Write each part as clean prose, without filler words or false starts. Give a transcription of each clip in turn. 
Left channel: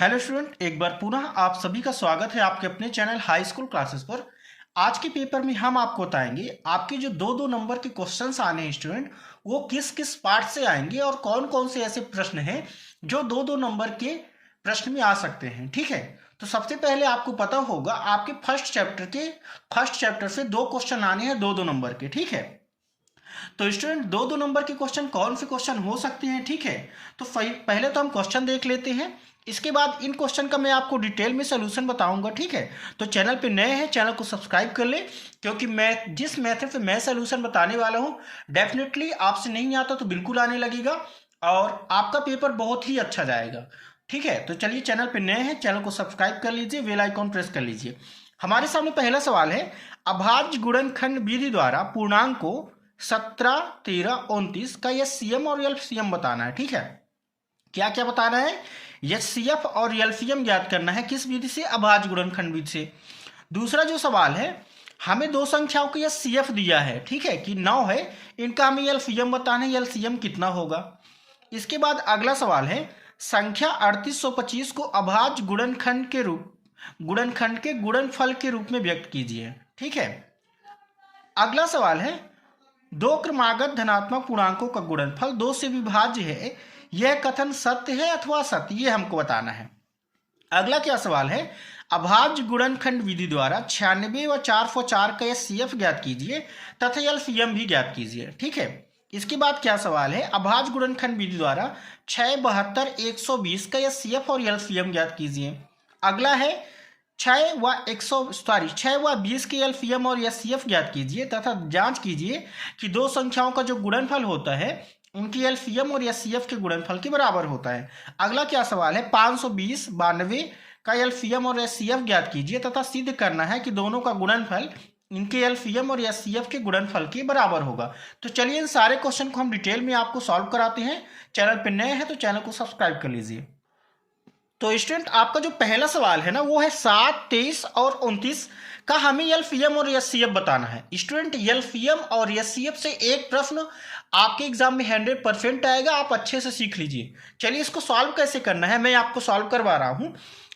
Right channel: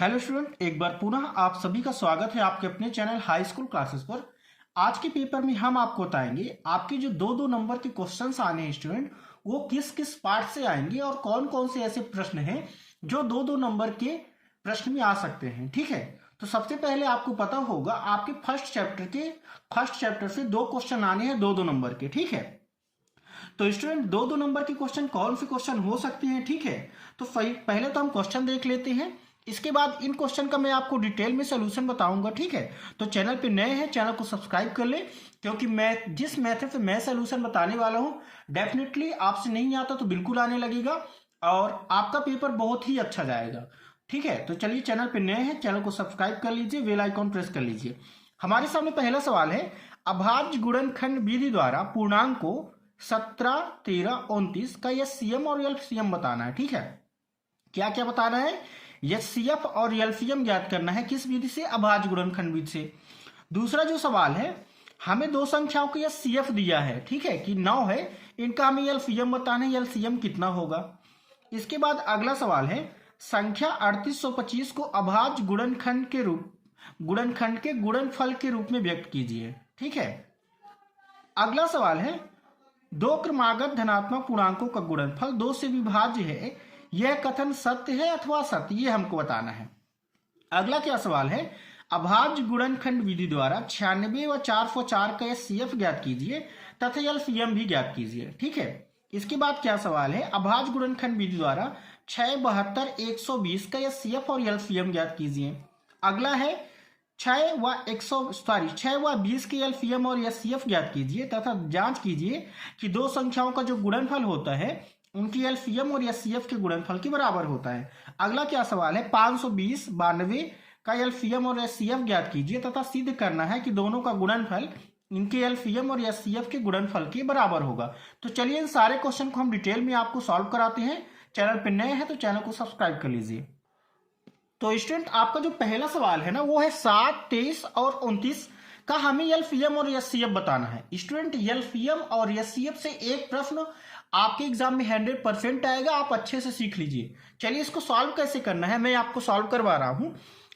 Hello student, एक बार पुनः आप सभी का स्वागत है आपके अपने चैनल हाई स्कूल क्लासेस पर। आज के पेपर में हम आपको बताएंगे आपके जो दो दो नंबर के क्वेश्चंस आने हैं स्टूडेंट, वो किस किस पार्ट से आएंगे और कौन कौन से ऐसे प्रश्न हैं जो दो दो नंबर के प्रश्न में आ सकते हैं। ठीक है, तो सबसे पहले आपको पता होगा आपके फर्स्ट चैप्टर से दो क्वेश्चन आने हैं दो दो नंबर के। ठीक है, तो स्टूडेंट दो दो नंबर के क्वेश्चन कौन से क्वेश्चन हो सकते हैं। ठीक है, तो पहले तो हम क्वेश्चन देख लेते हैं, इसके बाद इन क्वेश्चन का मैं आपको डिटेल में सोल्यूशन बताऊंगा। ठीक है, तो चैनल पे नए हैं, चैनल को सब्सक्राइब कर ले, क्योंकि मैं जिस मेथड से मैं सोल्यूशन बताने वाला हूं डेफिनेटली आपसे नहीं आता तो बिल्कुल आने लगेगा और आपका पेपर बहुत ही अच्छा जाएगा। ठीक है, तो चलिए चैनल पे नए हैं, चैनल को सब्सक्राइब कर लीजिए, बेल आइकॉन प्रेस कर लीजिए। हमारे सामने पहला सवाल है, अभाज्य गुणनखंड विधि द्वारा पूर्णांक को 17, 13, 29 का एचसीएफ और एलसीएम बताना है। ठीक है, क्या क्या बताना है? एचसीएफ और एलसीएम ज्ञात करना है। किस विधि से? अभाज्य गुणनखंड विधि से। दूसरा जो सवाल है, हमें दो संख्याओं का एचसीएफ दिया है, ठीक है, कि 9 है, इनका हमें एलसीएम बताना है, एलसीएम कितना होगा। इसके बाद अगला सवाल है, संख्या 3825 को अभाज्य गुणनखंड के गुणनफल के रूप में व्यक्त कीजिए। ठीक है, अगला सवाल है, दो क्रमागत धनात्मक पूर्णांकों का गुणनफल 2 से विभाज्य है, यह कथन सत्य है अथवा असत्य, ये हमको बताना है। अगला क्या सवाल है, अभाज्य गुणनखंड विधि द्वारा 96 व 404 का एचसीएफ ज्ञात कीजिए तथा एलसीएम भी ज्ञात कीजिए। ठीक है, इसके बाद क्या सवाल है, अभाज्य गुणनखंड विधि द्वारा 6, 72, 120 का एचसीएफ और एलसीएम ज्ञात कीजिए। अगला है 6 व 20 के एलसीएम और एचसीएफ ज्ञात कीजिए तथा जांच कीजिए कि दो संख्याओं का जो गुणनफल होता है उनकी एलसीएम और एचसीएफ के गुणनफल के बराबर होता है। अगला क्या सवाल है, 520, 92 का एलसीएम और एचसीएफ ज्ञात कीजिए तथा सिद्ध करना है कि दोनों का गुणनफल इनके एलसीएम और एचसीएफ के गुणनफल के बराबर होगा। तो चलिए इन सारे क्वेश्चन को हम डिटेल में आपको सॉल्व कराते हैं। चैनल पर नए हैं तो चैनल को सब्सक्राइब कर लीजिए। तो स्टूडेंट आपका जो पहला सवाल है ना, वो है 7, 23 और 29 का हमें एलसीएम और एचसीएफ बताना है। स्टूडेंट एलसीएम और एचसीएफ से एक प्रश्न आपके एग्जाम में 100% आएगा, आप अच्छे से सीख लीजिए। चलिए इसको सॉल्व कैसे करना है मैं आपको सॉल्व करवा रहा हूं।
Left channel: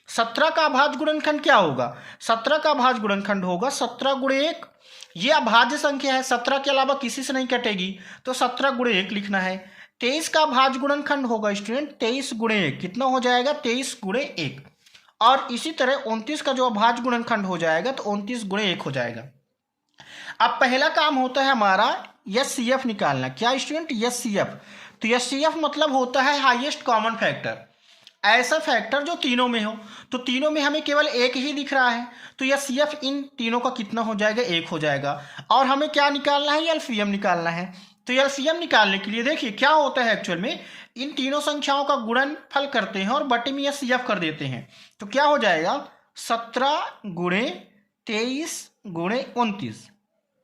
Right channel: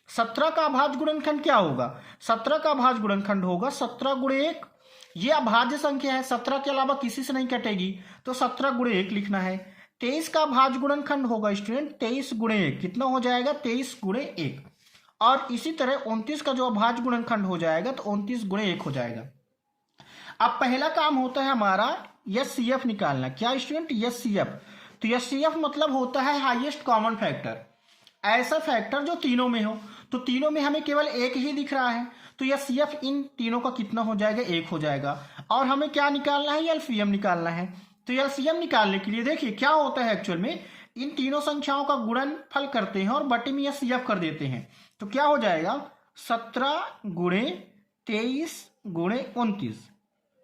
17 का अभाज्य गुणनखंड क्या होगा? 17 का अभाज्य गुणनखंड होगा 17 गुणे 1। ये अभाज्य संख्या है, 17 के अलावा किसी से नहीं कटेगी, तो 17 गुणे 1 लिखना है। 23 का अभाज्य गुणनखंड होगा स्टूडेंट 23 गुणे 1, कितना हो जाएगा? 23 गुणे 1। और इसी तरह 29 का जो अभाज्य गुणनखंड हो जाएगा तो 29 गुणे 1 हो जाएगा। अब पहला काम होता है हमारा एचसीएफ निकालना। क्या स्टूडेंट? एचसीएफ। तो एचसीएफ मतलब होता है हाईएस्ट कॉमन फैक्टर, ऐसा फैक्टर जो तीनों में हो। तो तीनों में हमें केवल एक ही दिख रहा है, तो एचसीएफ इन तीनों का कितना हो जाएगा? 1 हो जाएगा। और हमें क्या निकालना है? एलसीएम निकालना है। तो एलसीएम निकालने के लिए देखिए क्या होता है, एक्चुअल में इन तीनों संख्याओं का गुणनफल करते हैं और बटे में एचसीएफ कर देते हैं। तो क्या हो जाएगा? 17 गुणे 23 गुणे 29।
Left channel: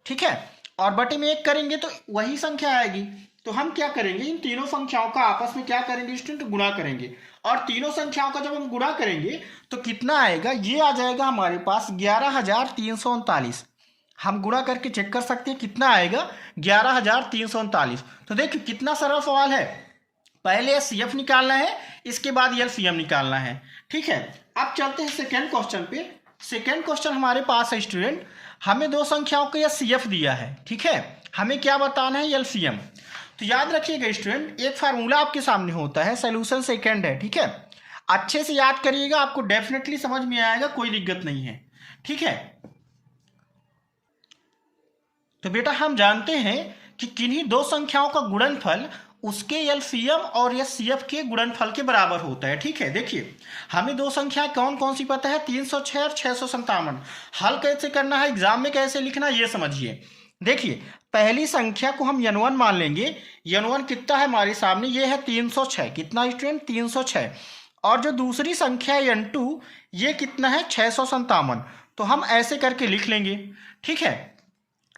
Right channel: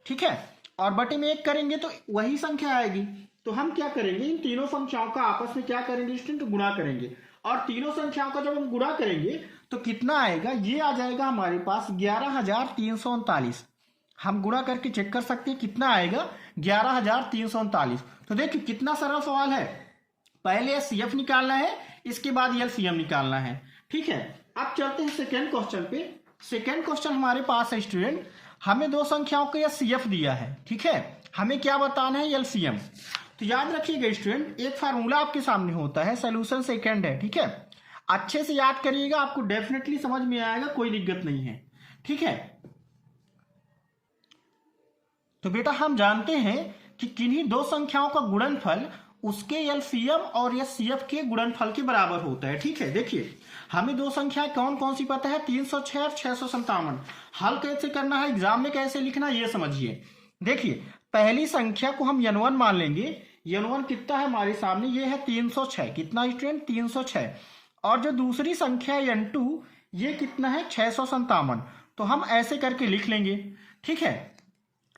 ठीक है, और बटे में 1 करेंगे तो वही संख्या आएगी। तो हम क्या करेंगे, इन तीनों संख्याओं का आपस में क्या करेंगे स्टूडेंट? गुणा करेंगे। और तीनों संख्याओं का जब हम गुणा करेंगे तो कितना आएगा? ये आ जाएगा हमारे पास 11,339। हम गुणा करके चेक कर सकते हैं कितना आएगा, 11,339। तो देखिए कितना सरल सवाल है। पहले एचसीएफ निकालना है, इसके बाद एलसीएम निकालना है। ठीक है, अब चलते हैं सेकेंड क्वेश्चन पे। सेकेंड क्वेश्चन हमारे पास है स्टूडेंट, हमें दो संख्याओं का एचसीएफ दिया है। ठीक है, हमें क्या बताना है? एलसीएम। तो याद रखिएगा स्टूडेंट, एक फार्मूला आपके सामने होता है, सोल्यूशन सेकेंड है। ठीक है, अच्छे से याद करिएगा, आपको डेफिनेटली समझ में आएगा, कोई दिक्कत नहीं है। ठीक है, तो बेटा हम जानते हैं कि किन्हीं दो संख्याओं का गुणनफल उसके एलसीएम और एचसीएफ के गुणनफल के बराबर होता है। ठीक है, देखिए हमें दो संख्याएं कौन कौन सी पता है, 306 और 657। हल कैसे करना है, एग्जाम में कैसे लिखना, ये समझिए। देखिए पहली संख्या को हम n1 मान लेंगे। n1 कितना है हमारे सामने? ये है 306। कितना स्टूडेंट? 306। और जो दूसरी संख्या है n2, ये कितना है? 657। तो हम ऐसे करके लिख लेंगे। ठीक है,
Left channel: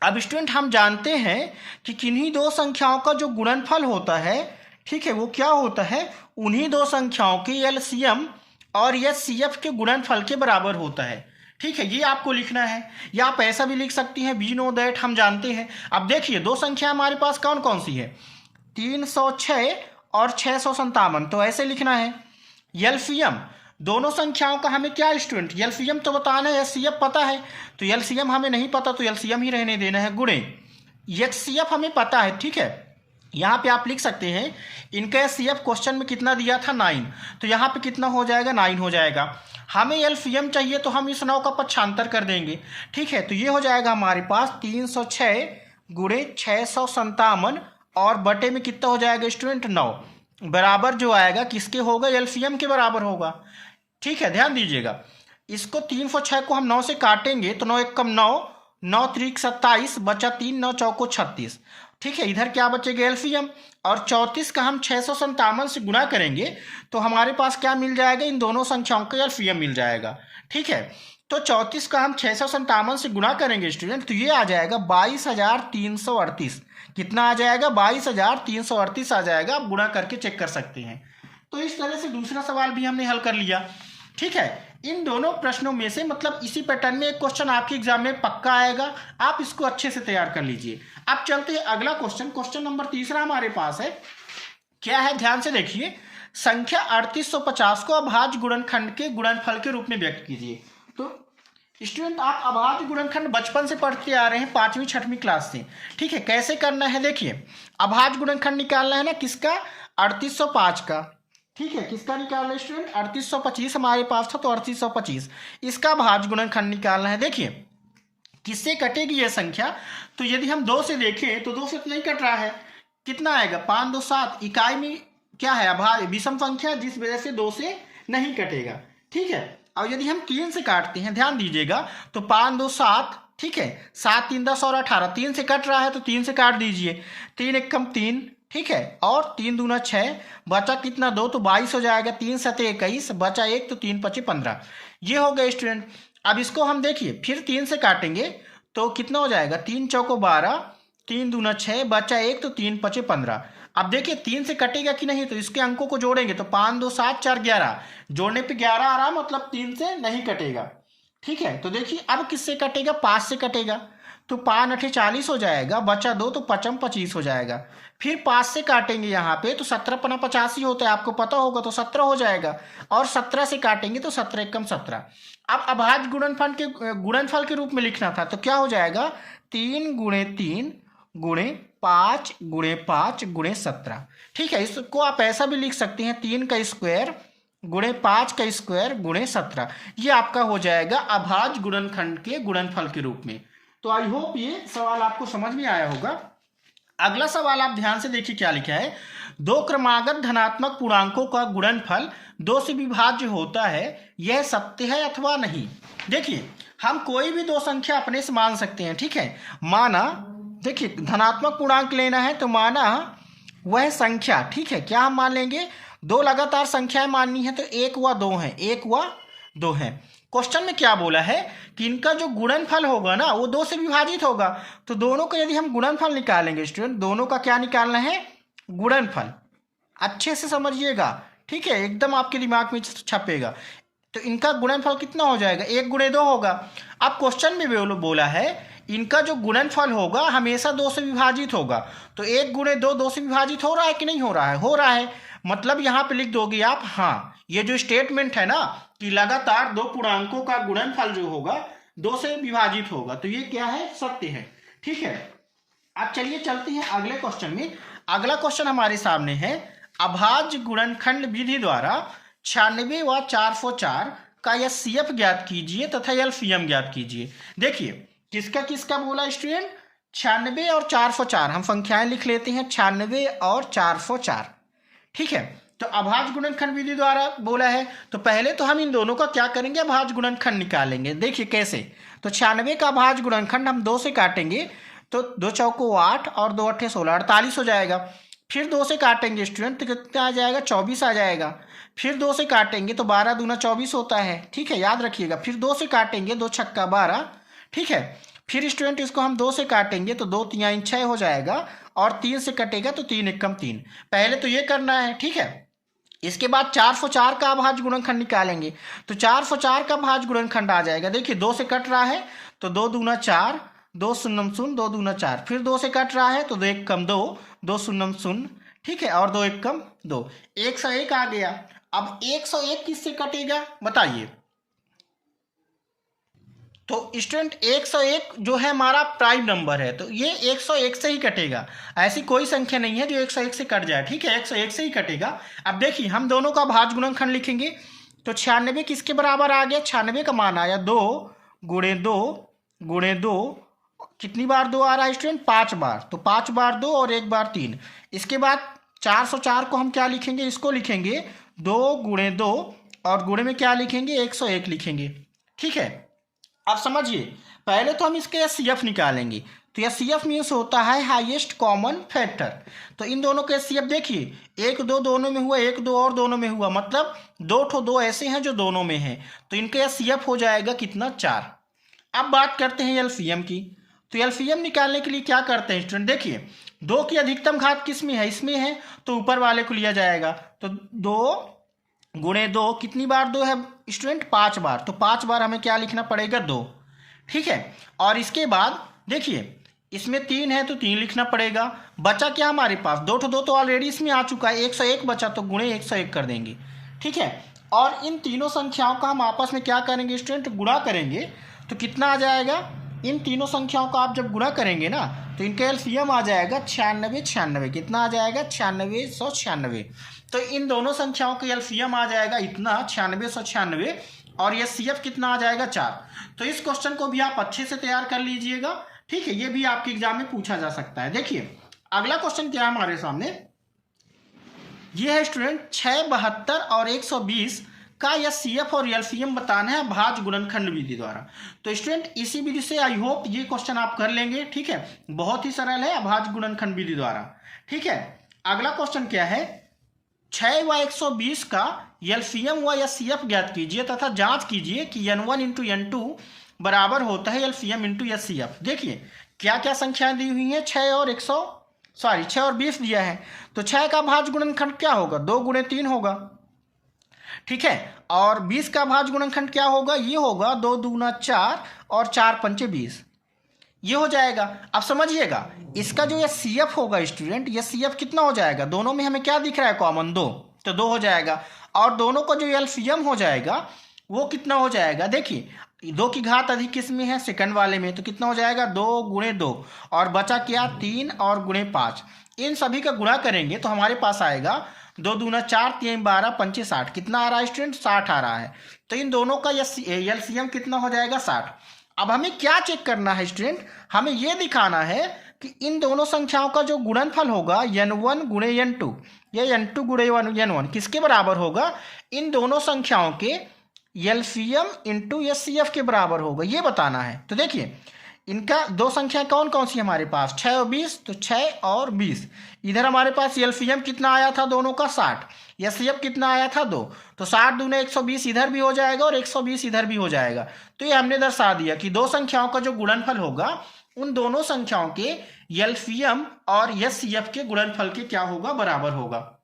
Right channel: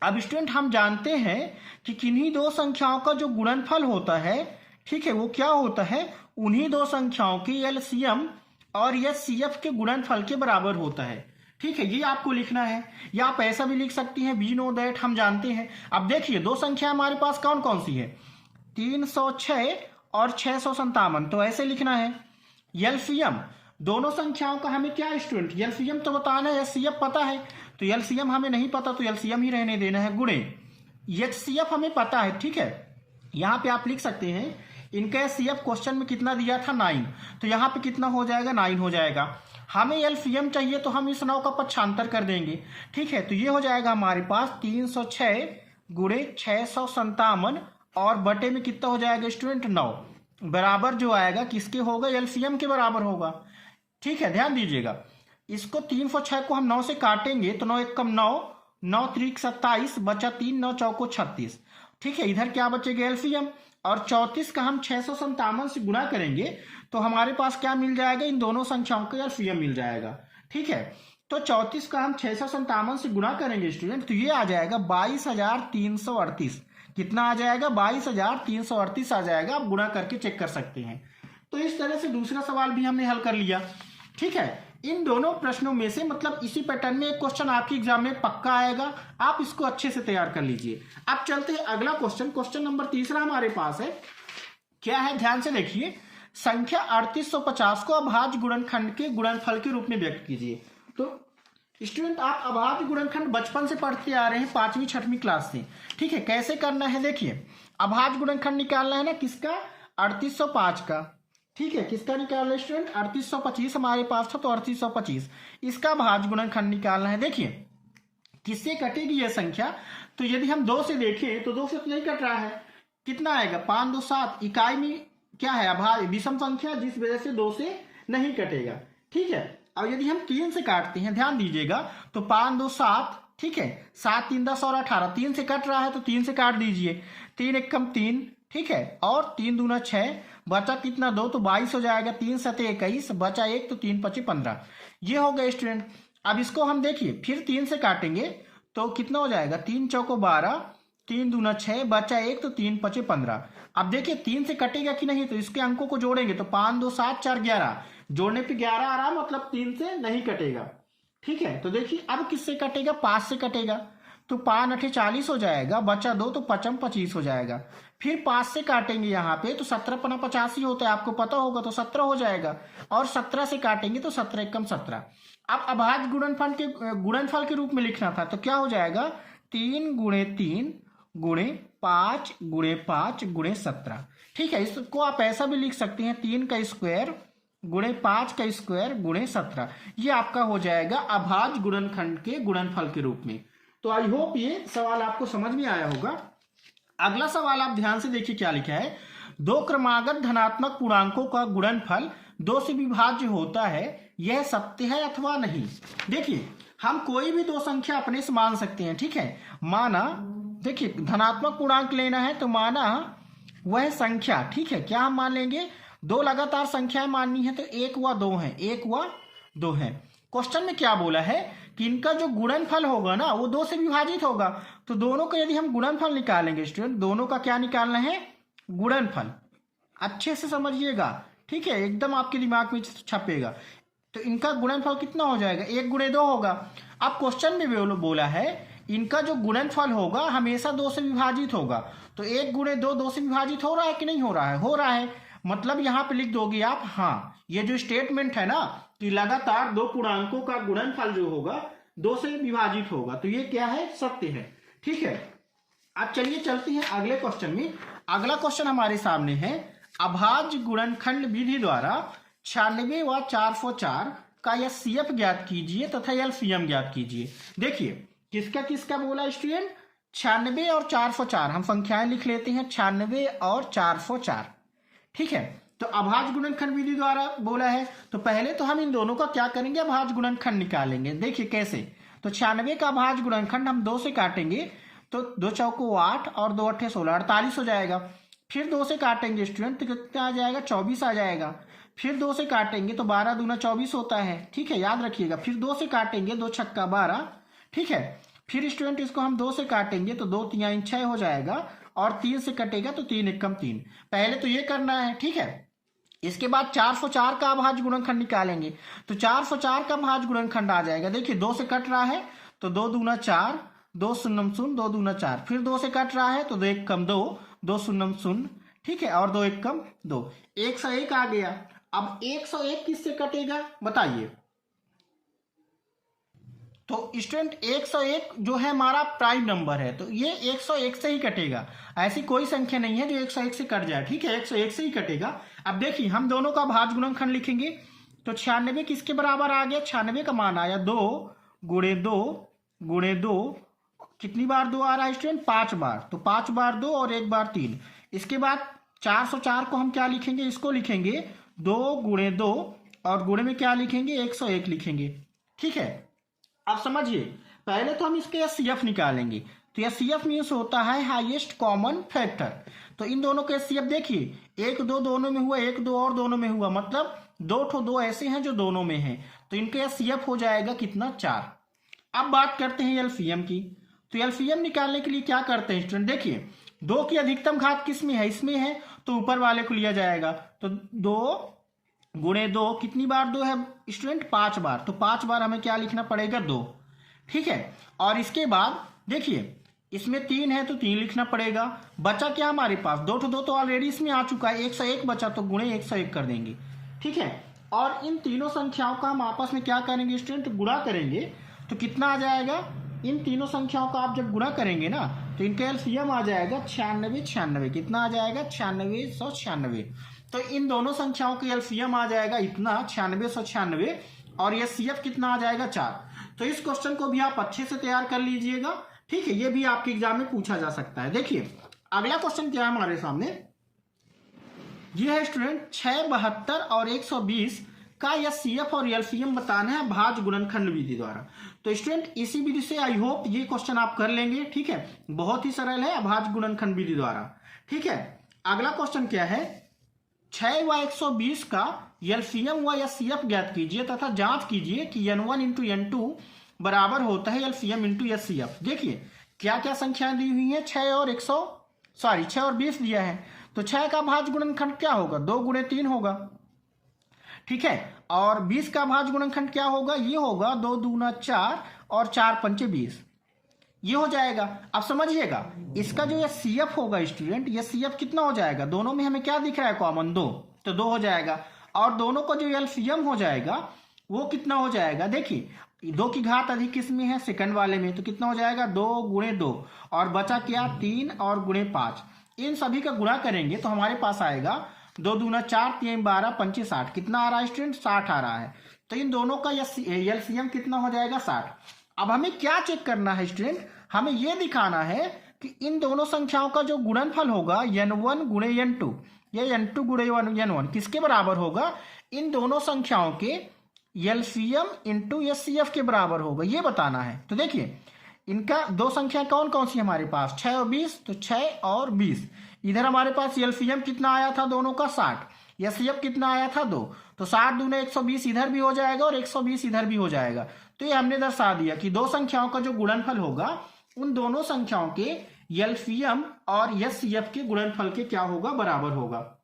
अब स्टूडेंट हम जानते हैं कि किन्हीं दो संख्याओं का जो गुणनफल होता है, ठीक है, वो क्या होता है? उन्हीं दो संख्याओं के एलसीएम और एचसीएफ के गुणनफल के बराबर होता है। ठीक है, ये आपको लिखना है, या आप ऐसा भी लिख सकती हैं, वी नो दैट, हम जानते हैं। अब देखिए दो संख्या हमारे पास कौन कौन सी है? 306 और 657। तो ऐसे लिखना है। एलसीएम दोनों संख्याओं का हमें क्या स्टूडेंट एलसीएम तो बताना है, एचसीएफ पता है तो एलसीएम हमें नहीं पता तो एलसीएम ही रहने देना है, गुणे एचसीएफ हमें पता है। ठीक है, यहाँ पे आप लिख सकते हैं इनका एचसीएफ क्वेश्चन में कितना दिया था 9, तो यहाँ पे कितना हो जाएगा 9 हो जाएगा। हमें एलसीएम चाहिए तो हम इस 9 का पक्षांतर कर देंगे। ठीक है, तो ये हो जाएगा हमारे पास 306 गुणे 657 और बटे में कितना हो जाएगा स्टूडेंट 9, बराबर जो आएगा किसके होगा एलसीएम के बराबर होगा। ठीक है, ध्यान दीजिएगा, इसको 306 को हम 9 से काटेंगे तो 9 एकम 9, 9 त्रिक 27, बचा 3, 9 चौको 36। ठीक है, इधर क्या बचेगा एलसीएम, और 34 का हम 657 से गुणा करेंगे तो हमारे पास क्या मिल जाएगा, इन दोनों संख्याओं का एलसीएम मिल जाएगा। ठीक है, तो 34 का हम 657 से गुणा करेंगे स्टूडेंट तो ये आ जाएगा 22,338। कितना आ जाएगा 22,338 आ जाएगा, आप गुणा करके चेक कर सकते हैं। तो इस तरह से दूसरा सवाल भी हमने हल कर लिया। ठीक है, इन दोनों प्रश्नों में से मतलब इसी पैटर्न में एक क्वेश्चन आपके एग्जाम में पक्का आएगा, आप इसको अच्छे से तैयार कर लीजिए। अब चलते हैं अगला क्वेश्चन, क्वेश्चन नंबर 3 हमारे पास है। क्या है, ध्यान से देखिए, संख्या 3850 को अभाज्य गुणनखंड के गुणनफल के रूप में व्यक्त कीजिए। तो स्टूडेंट आप अभाज्य गुणनखंड बचपन से पढ़ते आ रहे हैं, 5वीं 6वीं क्लास से। ठीक है, कैसे करना है देखिए, अभाज्य गुणनखंड निकालना है ना किसका, 3805 का। ठीक है, किसका निकालना है स्टूडेंट, 3825 हमारे पास था तो 3825, इसका अभाज्य गुणनखंड निकालना है। देखिए किससे कटेगी यह संख्या, तो यदि हम 2 से देखें तो 2 से तो नहीं कट रहा है, कितना आएगा 5 2 7, इकाई में क्या है अभाज्य विषम संख्या, जिस वजह से 2 से नहीं कटेगा। ठीक है, और यदि हम 3 से काटते हैं, ध्यान दीजिएगा, तो 5 2 7, ठीक है, 7 3 10 और 18, 3 से कट रहा है तो 3 से काट दीजिए, 3 एकम 3, ठीक है, और 3 दूना 6, बचा कितना 2 तो 22 हो जाएगा, 3 सते 21, बचा 1 तो 3 पचे 15। ये हो गए स्टूडेंट। अब इसको हम देखिए फिर 3 से काटेंगे तो कितना हो जाएगा, 3 चौको 12, 3 दूना 6, बचा 1 तो 3 पचे 15। अब देखिए 3 से कटेगा कि नहीं, तो इसके अंकों को जोड़ेंगे तो 5 2 7 4 11, जोड़ने पे 11 आ रहा है, मतलब 3 से नहीं कटेगा। ठीक है, तो देखिए अब किससे कटेगा, 5 से कटेगा, तो 5 8 40 हो जाएगा, बचा 2 तो 5 25 हो जाएगा। फिर 5 से काटेंगे यहाँ पे तो 17 पना 85 होता है, आपको पता होगा, तो 17 हो जाएगा, और 17 से काटेंगे तो 17 एकम 17। अब अभाज्य गुणनफल के रूप में लिखना था तो क्या हो जाएगा, 3 गुणे 3 गुणे 5 गुणे 5 गुणे 17। ठीक है, इसको आप ऐसा भी लिख सकते हैं, 3 का स्क्वायर गुणे 5 का स्क्वायर गुणे 17, ये आपका हो जाएगा अभाज्य गुणनखंड के गुणनफल के रूप में। तो आई होप ये सवाल आपको समझ में आया होगा। अगला सवाल आप ध्यान से देखिए क्या लिखा है, 2 क्रमागत धनात्मक पूर्णांकों का गुणनफल 2 से विभाज्य होता है, यह सत्य है अथवा नहीं। देखिए हम कोई भी 2 संख्या अपने से मान सकते हैं। ठीक है, माना देखिए धनात्मक पूर्णांक लेना है तो माना वह संख्या, ठीक है, क्या हम मान लेंगे, 2 लगातार संख्याएं माननी है तो 1 व 2 है, 1 व 2 है। क्वेश्चन में क्या बोला है कि इनका जो गुणनफल होगा ना वो 2 से विभाजित होगा, तो दोनों का यदि हम गुणनफल निकालेंगे स्टूडेंट, दोनों का क्या निकालना है, गुणनफल, अच्छे से समझिएगा। ठीक है, एकदम आपके दिमाग में छपेगा। तो इनका गुणनफल कितना हो जाएगा, 1 गुणे 2 होगा। अब क्वेश्चन में बोला है इनका जो गुणनफल होगा हमेशा 2 से विभाजित होगा, तो 1 गुणे 2 2 से विभाजित हो रहा है कि नहीं हो रहा है, हो रहा है, मतलब यहाँ पे लिख दोगे आप हाँ, ये जो स्टेटमेंट है ना कि लगातार 2 पूर्णांकों का गुणनफल जो होगा 2 से विभाजित होगा, तो ये क्या है, सत्य है। ठीक है, अब चलिए चलते हैं अगले क्वेश्चन में। अगला क्वेश्चन हमारे सामने है, अभाज्य गुणनखंड विधि द्वारा 96 व 404 का एचसीएफ ज्ञात कीजिए तथा एलसीएम ज्ञात कीजिए। देखिए किसका किसका बोला स्टूडेंट, 96 और 404, हम संख्याएं लिख लेते हैं, 96 और 404। ठीक है, तो अभाज्य गुणनखंड विधि द्वारा बोला है, तो पहले तो हम इन दोनों का क्या करेंगे, अभाज्य गुणनखंड निकालेंगे। देखिए कैसे, तो 96 का अभाज्य गुणनखंड हम 2 से काटेंगे तो 2 चौको 8 और 2 अट्ठे 16, 48 हो जाएगा। फिर 2 से काटेंगे स्टूडेंट तो कितना आ जाएगा, 24 आ जाएगा। फिर 2 से काटेंगे तो 12 दूना 24 होता है। ठीक है, याद रखिएगा। फिर 2 से काटेंगे, 2 छक्का 12। ठीक है, फिर स्टूडेंट इसको हम 2 से काटेंगे तो 2 3 6 हो जाएगा, और 3 से कटेगा तो 3 एकम 3। पहले तो ये करना है। ठीक है, इसके बाद 404 का अभाज्य गुणनखंड निकालेंगे, तो 404 का अभाज्य गुणनखंड आ जाएगा। देखिए 2 से कट रहा है तो 2 दूना 4, 2 शून्यम 0, 2 दूना 4। फिर 2 से कट रहा है तो 2 एकम 2, 2 शून्यम 0, ठीक है, और 2 एकम 2, 1 से 1 आ गया। अब 101 किससे कटेगा बताइए। तो स्टूडेंट 101 जो है हमारा प्राइम नंबर है, तो ये 101 से ही कटेगा। ऐसी कोई संख्या नहीं है जो 101 से कट जाए, ठीक है, 101 से ही कटेगा। अब देखिए हम दोनों का भाज्य गुणनखंड लिखेंगे, तो 96 किसके बराबर आ गया, 96 का मान आया 2 गुणे 2 गुणे 2, कितनी बार 2 आ रहा है स्टूडेंट, 5 बार, तो 5 बार 2 और 1 बार 3। इसके बाद 404 को हम क्या लिखेंगे, इसको लिखेंगे 2 गुणे 2 और गुणे में क्या लिखेंगे 101 लिखेंगे, ठीक है। अब समझिए, पहले तो हम इसके एचसीएफ निकालेंगे, तो एचसीएफ मीन्स होता है हाईएस्ट कॉमन फैक्टर। तो इन दोनों के एचसीएफ देखिए, 1 2 दोनों में हुआ, 1 2 और दोनों में हुआ, मतलब 2 ऐसे हैं जो दोनों में हैं, तो इनके एचसीएफ हो जाएगा कितना, 4। अब बात करते हैं एलसीएम की। तो एलसीएम निकालने के लिए क्या करते हैं स्टूडेंट, देखिए 2 की अधिकतम घात किस में है, इसमें है, तो ऊपर वाले को लिया जाएगा। तो 2 गुणे 2, कितनी बार 2 है स्टूडेंट, 5 बार, तो 5 बार हमें क्या लिखना पड़ेगा, 2, ठीक है। और इसके बाद देखिए इसमें 3 है तो 3 लिखना पड़ेगा। बचा क्या हमारे पास, 2 तो ऑलरेडी इसमें आ चुका है, 101 बचा, तो गुणे 101 कर देंगे, ठीक है। और इन तीनों संख्याओं का हम आपस में क्या करेंगे स्टूडेंट, गुणा करेंगे, तो कितना आ जाएगा, इन तीनों संख्याओं का आप जब गुणा करेंगे ना, तो इनका एलसीएम आ जाएगा 96, कितना आ जाएगा, 9696। तो इन दोनों संख्याओं का एलसीएम आ जाएगा इतना 9696, और ये सीएफ कितना आ जाएगा, 4। तो इस क्वेश्चन को भी आप अच्छे से तैयार कर लीजिएगा, ठीक है, ये भी आपके एग्जाम में पूछा जा सकता है। देखिए अगला क्वेश्चन क्या है हमारे सामने, ये है स्टूडेंट 6, 72 और 120 का या सीएफ और एलसीएम बताना है भाज्य गुणनखंड विधि द्वारा। तो स्टूडेंट इसी विधि से आई होप ये क्वेश्चन आप कर लेंगे, ठीक है, बहुत ही सरल है, अभाज्य गुणनखंड विधि द्वारा, ठीक है। अगला क्वेश्चन क्या है, 6 व 120 का एलसीएम व एचसीएफ ज्ञात कीजिए तथा जांच कीजिए कि n1 इंटू n2 बराबर होता है एलसीएम इंटू एचसीएफ। देखिए क्या क्या संख्याएं दी हुई हैं, 6 और 20 दिया है, तो 6 का भाज्य गुणनखंड क्या होगा, 2 गुणे 3 होगा, ठीक है। और 20 का भाज्य गुणनखंड क्या होगा, ये होगा 2 दूना 4 और 4 पंचे 20, ये हो जाएगा। अब समझिएगा इसका जो ये सीएफ होगा स्टूडेंट, ये सीएफ कितना हो जाएगा, दोनों में हमें क्या दिख रहा है कॉमन, 2, तो 2 हो जाएगा। और दोनों का जो एलसीएम हो जाएगा वो कितना हो जाएगा, देखिए 2 की घात अधिक किस में है, सेकंड वाले में, तो कितना हो जाएगा 2 गुणे 2 और बचा क्या 3 और गुणे 5। इन सभी का गुणा करेंगे तो हमारे पास आएगा 2 दूना 4 3 12 पंचे 60, कितना आ रहा है स्टूडेंट, 60 आ रहा है। तो इन दोनों का एलसीएम कितना हो जाएगा, 60। अब हमें क्या चेक करना है स्टूडेंट, हमें यह दिखाना है कि इन दोनों संख्याओं का जो गुणनफल होगा n1 गुणे n2 या n2 गुणे n1 किसके बराबर होगा, इन दोनों संख्याओं के एलसीएम इंटू एचसीएफ के बराबर होगा, ये बताना है। तो देखिए इनका दो संख्या कौन कौन सी हमारे पास, 6 और 20, तो 6 और 20, इधर हमारे पास एलसीएम कितना आया था दोनों का 60, एचसीएफ कितना आया था 2, तो 60 दूने 120 इधर भी हो जाएगा और 120 इधर भी हो जाएगा। तो ये हमने दर्शा दिया कि दो संख्याओं का जो गुणनफल होगा उन दोनों संख्याओं के एलसीएम और एचसीएफ के गुणनफल के क्या होगा, बराबर होगा।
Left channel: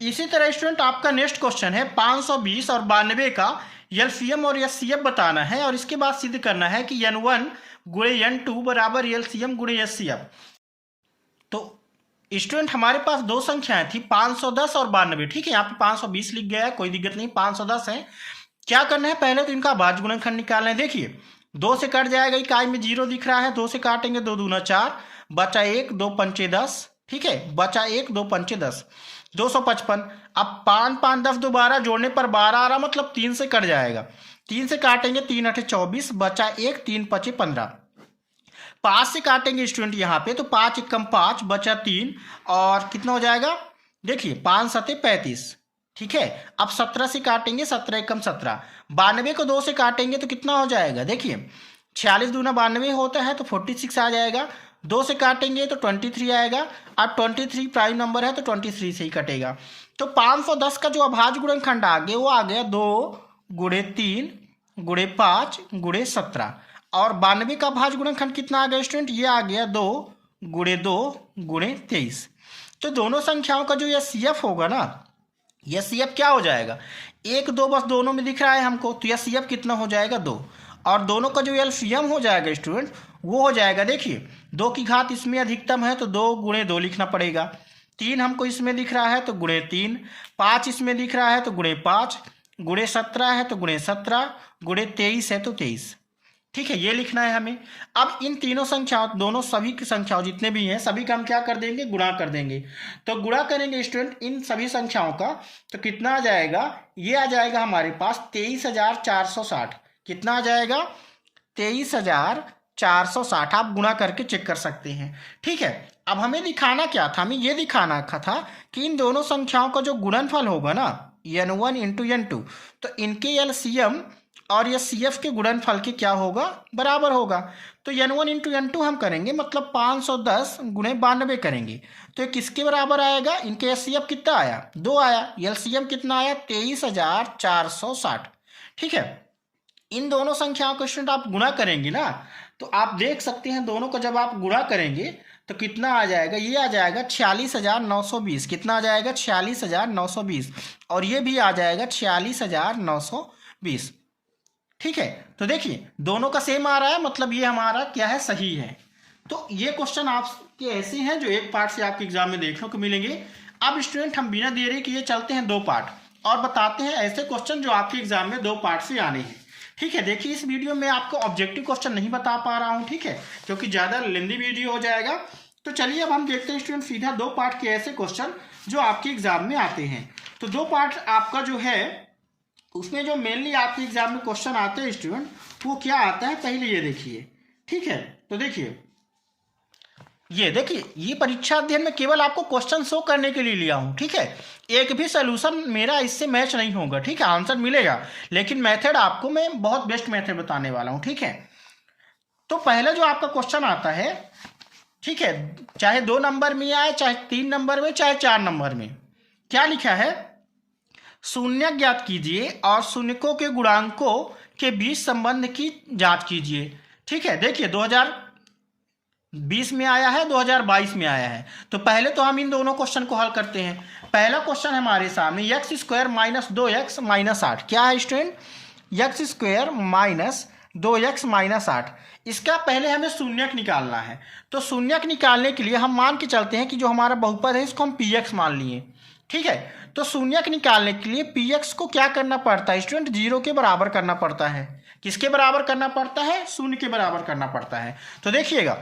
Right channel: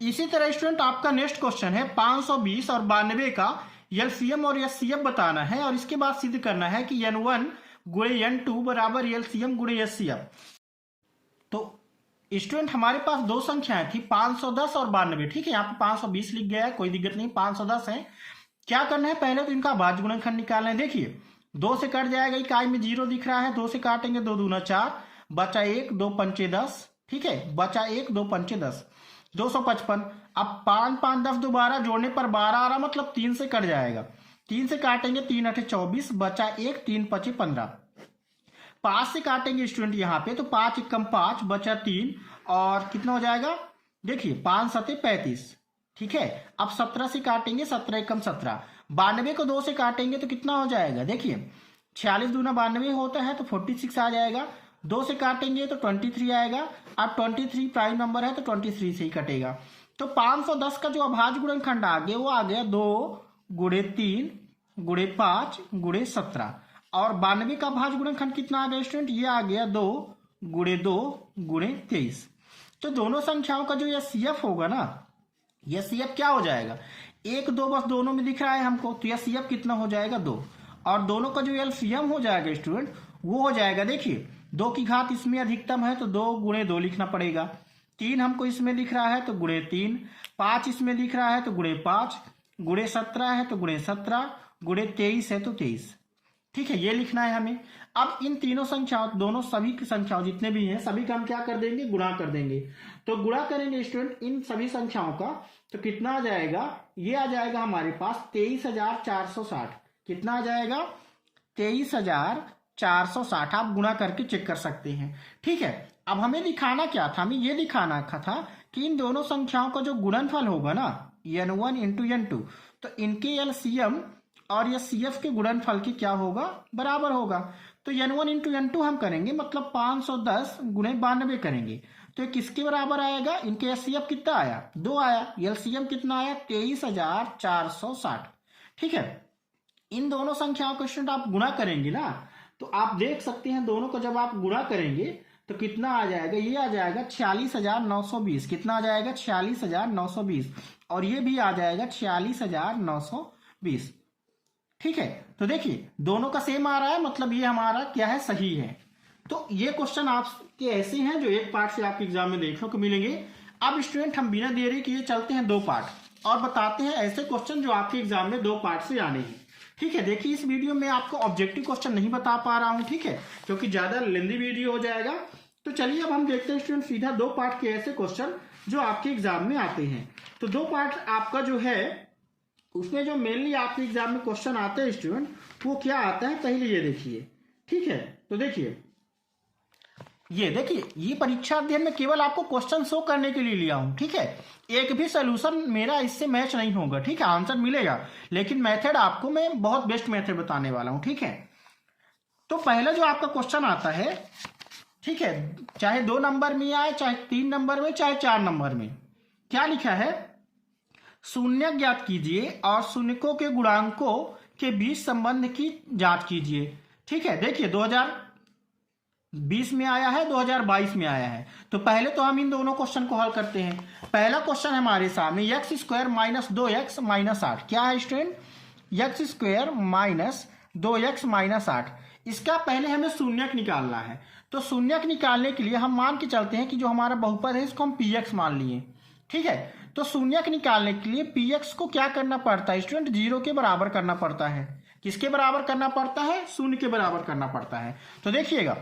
इसी तरह स्टूडेंट आपका नेक्स्ट क्वेश्चन है 520 और 92 का एलसीएम और एचसीएफ बताना है और इसके बाद सिद्ध करना है कि n1 गुणे n2 बराबर एलसीएम गुणे एचसीएफ। तो स्टूडेंट हमारे पास दो संख्याएं थी 510 और 92, ठीक है, यहाँ पे 520 लिख गया है, कोई दिक्कत नहीं, 510 है। क्या करना है, पहले तो इनका भाज्य गुणनखंड निकालना है। देखिए 2 से कट जाएगा, इकाई में 0 दिख रहा है, 2 से काटेंगे 2 दूना 4, बचा 1 2 पंचे 10, ठीक है, बचा 1 2 पंचे 10, 255। अब 5 5 10 दोबारा जोड़ने पर 12 आ रहा, मतलब 3 से कट जाएगा, 3 से काटेंगे 3 8 24, बचा 1 3 5 15। 5 से काटेंगे स्टूडेंट यहाँ पे, तो 5 1 5, बचा 3 और कितना हो जाएगा, देखिए 5 7 35, ठीक है। अब 17 से काटेंगे, 17 1 17, 92 को 2 से काटेंगे तो कितना हो जाएगा, देखिए 46 दूना 92 होता है तो 46 आ जाएगा, 2 से काटेंगे तो 23 आएगा। अब 23 प्राइम नंबर है तो 23 से ही कटेगा। तो 510 का जो अभाज्य गुणनखंड आ गया वो आ गया 2 गुणे 3 गुणे 5 गुणे 17, और 92 का अभाज्य गुणनखंड कितना आ गया स्टूडेंट, ये आ गया 2 गुणे 2 गुणे 23। तो दोनों संख्याओं का जो ये सीएफ होगा ना, यह सीएफ क्या हो जाएगा, 1 2 बस दोनों में दिख रहा है हमको, तो यह सीएफ कितना हो जाएगा 2, और दोनों का जो एलसीएम हो जाएगा स्टूडेंट वो हो जाएगा, देखिए 2 की घात इसमें अधिकतम है तो 2 गुणे 2 लिखना पड़ेगा, 3 हमको इसमें दिख रहा है तो गुणे 3, 5 इसमें दिख रहा है तो गुणे 5, गुणे 17 है तो गुणे 17, गुणे 23 है तो 23। ठीक है, ये लिखना है हमें। अब इन तीनों संख्याओं, दोनों सभी की संख्याओं जितने भी हैं सभी का हम क्या कर देंगे, गुणा कर देंगे। तो गुणा करेंगे स्टूडेंट इन सभी संख्याओं का, तो कितना आ जाएगा, ये आ जाएगा हमारे पास 23,460। कितना आ जाएगा, 23,460। आप गुणा करके चेक कर सकते हैं। ठीक है, अब हमें दिखाना क्या था, हमें ये दिखाना था कि इन दोनों संख्याओं का जो गुणनफल होगा ना, n1 इंटू n2, तो इनके एलसीएम और ये CF के गुणनफल के क्या होगा, बराबर होगा। तो n1 इंटू n2 हम करेंगे, मतलब 510 गुणे 92 करेंगे, तो ये किसके बराबर आएगा, इनके HCF कितना आया, 2 आया, LCM कितना आया, 23,460। ठीक है, इन दोनों संख्याओं को स्टूडेंट आप गुणा करेंगे ना, तो आप देख सकते हैं दोनों को जब आप गुणा करेंगे तो कितना आ जाएगा, ये आ जाएगा 46,920। कितना आ जाएगा, 46,920, और ये भी आ जाएगा 46,920। ठीक है, तो देखिए दोनों का सेम आ रहा है, मतलब ये हमारा क्या है, सही है। तो ये क्वेश्चन आपके ऐसे हैं जो एक पार्ट से आपके एग्जाम में देखने को मिलेंगे। अब स्टूडेंट हम बिना देरी किए चलते हैं 2 पार्ट और बताते हैं ऐसे क्वेश्चन जो आपके एग्जाम में 2 पार्ट से आने हैं। ठीक है, देखिए इस वीडियो में आपको ऑब्जेक्टिव क्वेश्चन नहीं बता पा रहा हूं, ठीक है, क्योंकि ज़्यादा लेंदी वीडियो हो जाएगा। तो चलिए अब हम देखते हैं स्टूडेंट सीधा 2 पार्ट के ऐसे क्वेश्चन जो आपके एग्जाम में आते हैं। तो 2 पार्ट आपका जो है उसमें जो मेनली आपके एग्जाम में क्वेश्चन आते हैं स्टूडेंट, वो क्या आता है पहले ये देखिए। ठीक है, तो देखिए ये परीक्षा अध्ययन में केवल आपको क्वेश्चन शो करने के लिए लिया हूं। ठीक है, एक भी सोल्यूशन मेरा इससे मैच नहीं होगा। ठीक है, आंसर मिलेगा, लेकिन मेथड आपको मैं बहुत बेस्ट मेथड बताने वाला हूं। ठीक है, तो पहले जो आपका क्वेश्चन आता है, ठीक है, चाहे 2 नंबर में आए, चाहे 3 नंबर में, चाहे 4 नंबर में, क्या लिखा है, शून्य ज्ञात कीजिए और शून्यकों के गुणांकों के बीच संबंध की जांच कीजिए। ठीक है, देखिए 2020 में आया है, 2022 में आया है। तो पहले तो हम इन दोनों क्वेश्चन को हल करते हैं। पहला क्वेश्चन हमारे सामने x square minus 2x minus 8। क्या है student, x square minus 2x minus 8। इसका पहले हमें शून्यक निकालना है। तो शून्यक निकालने के लिए हम मान के चलते हैं कि जो हमारा बहुपद है इसको हम px मान लिए। ठीक है, तो शून्यक निकालने के लिए px को क्या करना पड़ता है स्टूडेंट, 0 के बराबर करना पड़ता है। किसके बराबर करना पड़ता है, 0 के बराबर करना पड़ता है। तो देखिएगा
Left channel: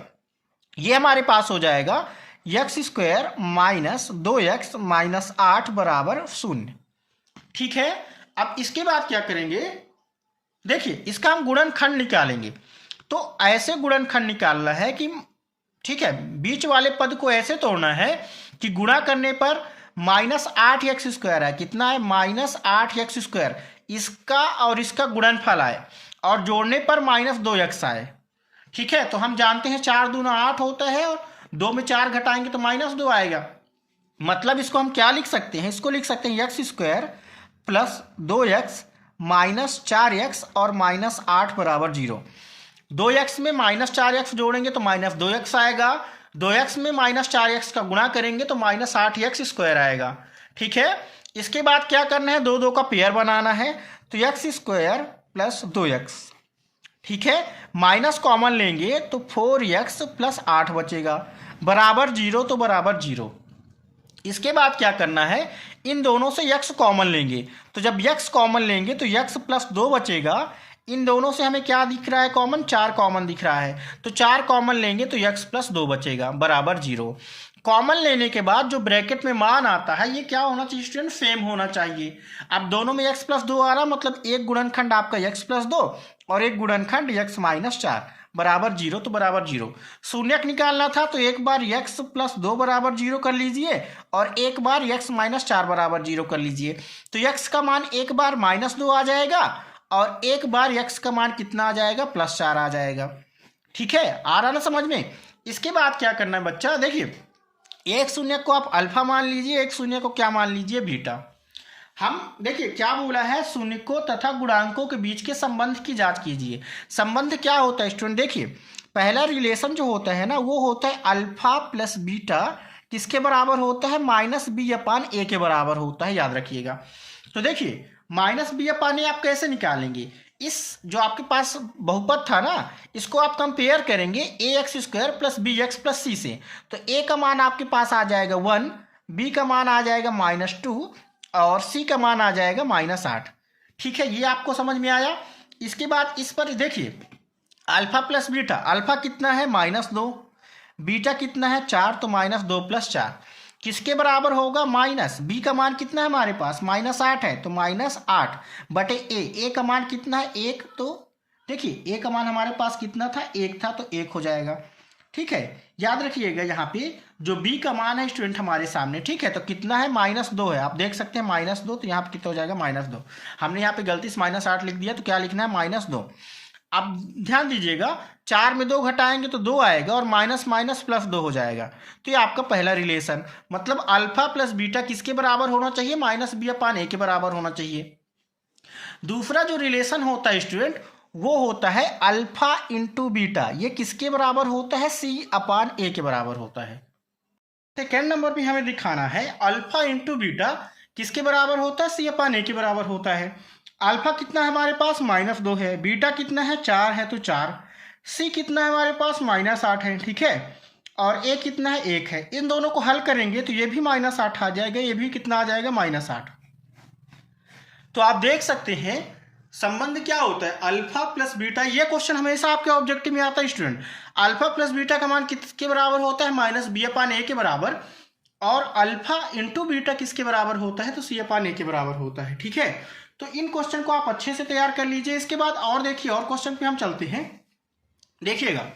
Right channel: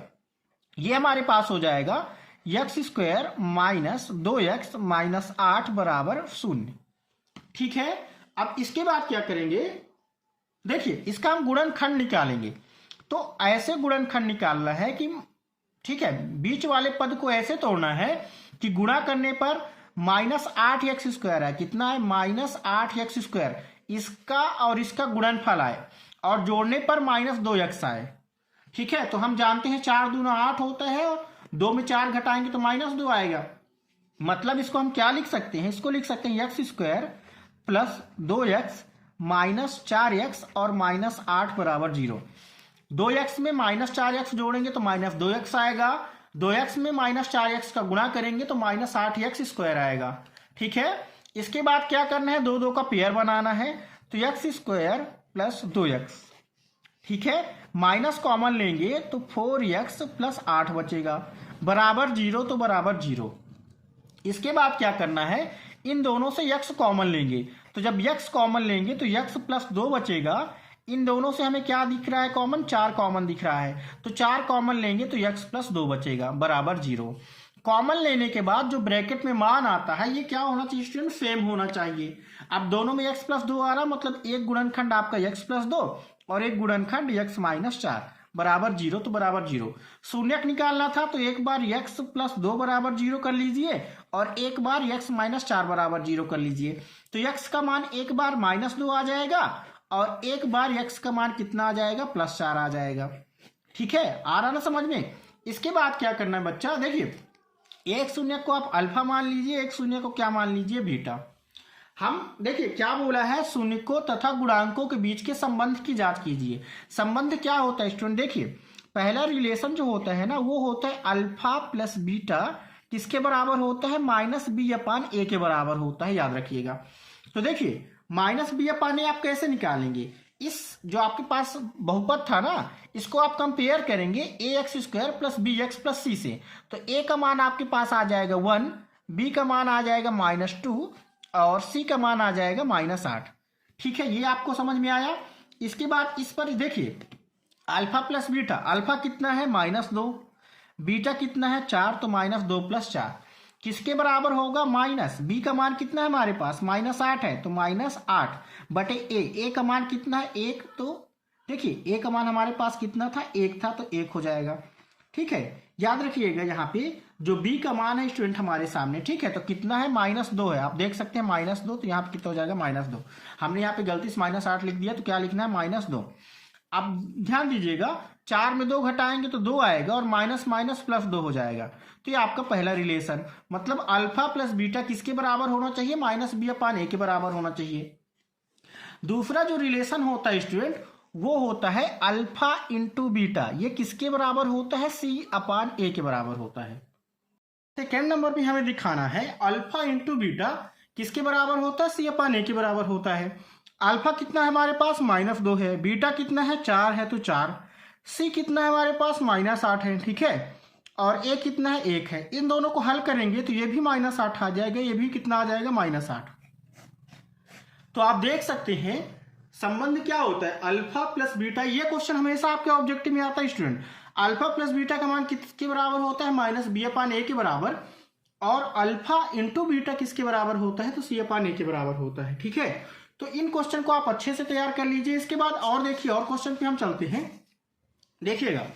ये हमारे पास हो जाएगा x square minus 2x minus 8 बराबर 0। ठीक है, अब इसके बाद क्या करेंगे, देखिए इसका हम गुणनखंड निकालेंगे। तो ऐसे गुणनखंड निकालना है कि, ठीक है, बीच वाले पद को ऐसे तोड़ना है कि गुणा करने पर माइनस 8x स्क्वायर है, कितना है, माइनस 8x स्क्वायर, इसका और इसका गुणनफल आए, और जोड़ने पर माइनस 2x आए। ठीक है, तो हम जानते हैं 4 दूना 8 होता है, और 2 में 4 घटाएंगे तो माइनस 2 आएगा। मतलब इसको हम क्या लिख सकते हैं, इसको लिख सकते हैं x square plus 2x minus 4x और माइनस 8 बराबर 0। 2x में माइनस 4x जोड़ेंगे तो माइनस 2x आएगा, 2x में माइनस 4x का गुणा करेंगे तो माइनस 8x स्क्वायर आएगा। ठीक है, इसके बाद क्या करना है, 2 का पेयर बनाना है, तो x स्क्वायर प्लस 2x। ठीक है, माइनस कॉमन लेंगे तो 4x प्लस 8 बचेगा, बराबर 0, तो बराबर 0। इसके बाद क्या करना है, इन दोनों से x कॉमन लेंगे, तो जब x कॉमन लेंगे तो x प्लस 2 बचेगा। इन दोनों से हमें क्या दिख रहा है, कॉमन, 4 कॉमन दिख रहा है, तो 4 कॉमन लेंगे तो x प्लस 2 बचेगा, बराबर 0। कॉमन लेने के बाद जो ब्रैकेट में मान आता है ये क्या होना चाहिए स्टूडेंट, सेम होना चाहिए। अब दोनों में x प्लस 2 आ रहा, मतलब एक गुणनखंड आपका x प्लस 2 और एक गुणनखंड x माइनस 4 बराबर 0, तो बराबर 0। शून्यक निकालना था तो एक बार x प्लस 2 बराबर 0 कर लीजिए और एक बार x माइनस 4 बराबर 0 कर लीजिए। तो x का मान एक बार माइनस 2 आ जाएगा और एक बार x का मान कितना आ जाएगा, प्लस 4 आ जाएगा। ठीक है, आ रहा ना समझ में। इसके बाद क्या करना है बच्चा, देखिए एक शून्य को आप अल्फा मान लीजिए, एक शून्य को क्या मान लीजिए, बीटा। हम देखिए क्या बोला है, शून्यकों तथा गुणांकों के बीच के संबंध की जांच कीजिए। संबंध क्या होता है स्टूडेंट, देखिए पहला रिलेशन जो होता है ना, वो होता है अल्फा प्लस बीटा किसके बराबर होता है, माइनस बी अपान ए के बराबर होता है, याद रखिएगा। तो देखिए माइनस बी अपान ए आप कैसे निकालेंगे, इस जो आपके पास बहुपद था ना, इसको आप कंपेयर करेंगे A X square plus B X plus C से। तो ए का मान आपके पास आ जाएगा 1, बी का मान आ जाएगा -2 और सी का मान आ जाएगा -8। ठीक है, ये आपको समझ में आया। इसके बाद इस पर देखिए, अल्फा प्लस बीटा, अल्फा कितना है -2, बीटा कितना है 4, तो -2 + 4 किसके बराबर होगा, माइनस बी का मान कितना है हमारे पास -8 है, तो -8 बटे ए का मान कितना है 1, तो देखिए ए का मान हमारे पास कितना था 1 था, तो 1 हो जाएगा। ठीक है, याद रखिएगा यहाँ पे जो बी का मान है स्टूडेंट हमारे सामने, ठीक है, तो कितना है -2 है, आप देख सकते हैं -2, तो यहाँ पे कितना हो जाएगा -2। हमने यहाँ पे गलती से -8 लिख दिया, तो क्या लिखना है -2। अब ध्यान दीजिएगा, 4 में 2 घटाएंगे तो 2 आएगा और माइनस माइनस प्लस 2 हो जाएगा। तो ये आपका पहला रिलेशन, मतलब अल्फा प्लस बीटा किसके बराबर होना चाहिए, -b/a के बराबर होना चाहिए। दूसरा जो रिलेशन होता है स्टूडेंट, वो होता है अल्फा इंटू बीटा, ये किसके बराबर होता है, c/a के बराबर होता है। सेकेंड नंबर पे हमें दिखाना है अल्फा इंटू बीटा किसके बराबर होता है, c/a के बराबर होता है। अल्फा कितना है हमारे पास -2 है, बीटा कितना है 4 है, तो 4, सी कितना है हमारे पास -8 है, ठीक है, और ए कितना है 1 है। इन दोनों को हल करेंगे तो ये भी -8 आ जाएगा, ये भी कितना आ जाएगा -8। तो आप देख सकते हैं संबंध क्या होता है, अल्फा प्लस बीटा। ये क्वेश्चन हमेशा आपके ऑब्जेक्टिव में आता है स्टूडेंट। अल्फा प्लस बीटा का मान किसके बराबर होता है, -b/a के बराबर, और अल्फा इंटू बीटा किसके बराबर होता है, तो c/a के बराबर होता है। ठीक है, तो इन क्वेश्चन को आप अच्छे से तैयार कर लीजिए। इसके बाद और देखिए, और क्वेश्चन पे हम चलते हैं। देखिएगा,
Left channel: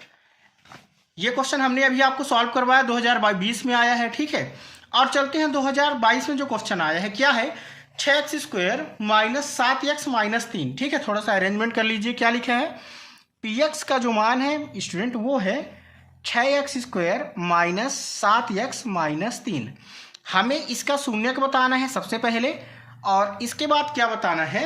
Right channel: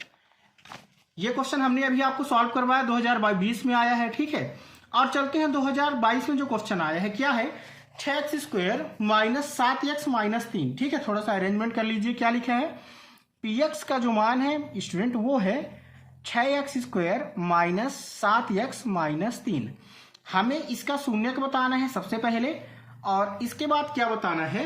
ये क्वेश्चन हमने अभी आपको सॉल्व करवाया, 2020 में आया है, ठीक है। और चलते हैं 2022 में जो क्वेश्चन आया है, क्या है, 6x² - 7x - 3। ठीक है, थोड़ा सा अरेंजमेंट कर लीजिए। क्या लिखा है, px का जो मान है स्टूडेंट वो है 6x² - 7x - 3। हमें इसका शून्यक बताना है सबसे पहले, और इसके बाद क्या बताना है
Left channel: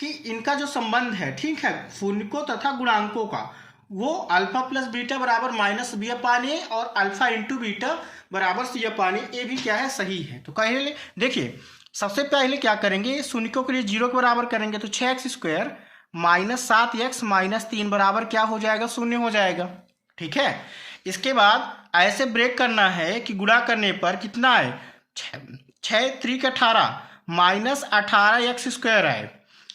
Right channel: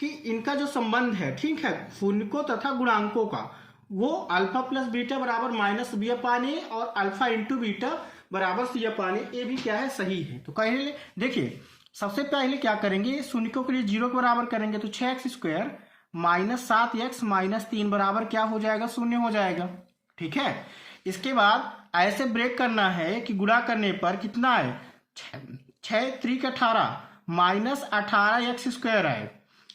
कि इनका जो संबंध है, ठीक है, शून्यकों तथा गुणांकों का, वो अल्फा प्लस बीटा बराबर -b/a और अल्फा इंटू बीटा बराबर c/a, ये भी क्या है, सही है। तो पहले देखिए, सबसे पहले क्या करेंगे, शून्यकों के लिए 0 के बराबर करेंगे, तो 6x² - 7x - 3 बराबर क्या हो जाएगा, 0 हो जाएगा। ठीक है, इसके बाद ऐसे ब्रेक करना है कि गुणा करने पर कितना है, 6 3 18 -18x² आए,